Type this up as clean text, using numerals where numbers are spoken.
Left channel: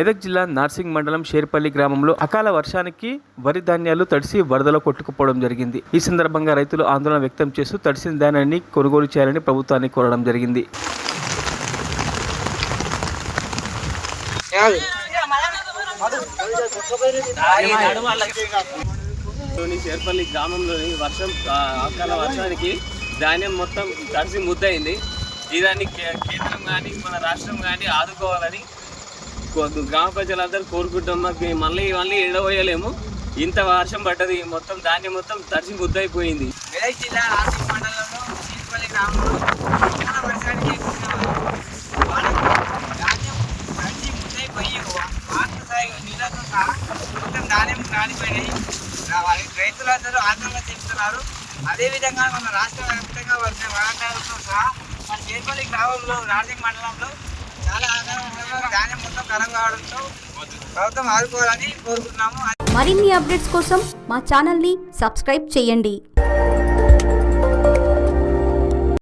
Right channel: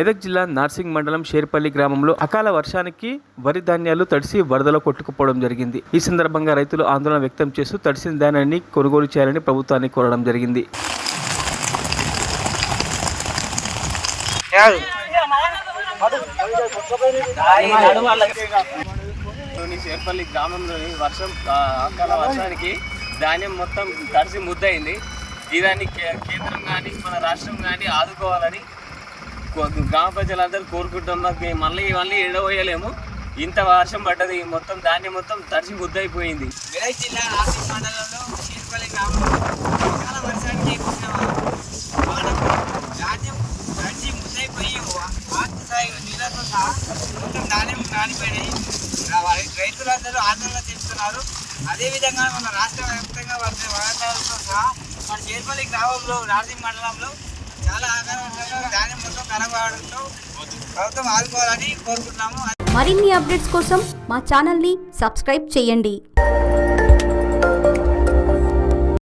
మెదక్ జిల్లా నార్సింగ్ మండలం షేర్పల్లి గ్రామంలో అకాల వర్షానికి వరి ధాన్యాలు తడిసి వరదలో కొట్టుకుపోవడం జరిగింది. ఈ సందర్భంగా రైతులు ఆందోళన వ్యక్తం చేస్తూ తడిసిన ధాన్యాన్ని కొనుగోలు చేయాలని ప్రభుత్వాన్ని కోరడం జరిగింది. షేర్పల్లి గ్రామంలోని అకాల వర్షానికి ధాన్యం మొత్తం తడిసి ముద్దయింది. ఇదాన్ని కేంద్రం కానీ మన రాష్ట్రం కానీ ఆదుకోవాలని గ్రామ ప్రజలందరూ కోరుకుంటున్నాం. మాకు మళ్ళీ ఎడవేయలేము. ఇంత వర్షం పడ్డది, మొత్తం ధాన్యం మొత్తం తడిసి ముద్దయిపోయింది. మెదక్ జిల్లా నార్సింగ్ మండలంలో షేర్పల్లి గ్రామంలో అకాల వర్షానికి ధాన్యం తడిసి ముద్దయిపోయి వాస్తు నీళ్ళతో సహా మొత్తం ధాన్యం నానిపోయినాయి. రైతులందరూ ఆందోళన చెందుతున్నారు. అదేవిధంగా మన రాష్ట్ర వ్యాప్తంగా వచ్చిన వరదలతో సహా మన షేర్పల్లి గ్రామంలో నార్సింగ్ మండలంలో చాలా ధాన్యం మొత్తం ఖరాబ్ కావడంతో ప్రభుత్వం ఆదుకోవాలని కోరుకుంటున్నాము. మరిన్ని అప్డేట్స్ కోసం మా ఛానల్ని సబ్స్క్రైబ్ చేయండి.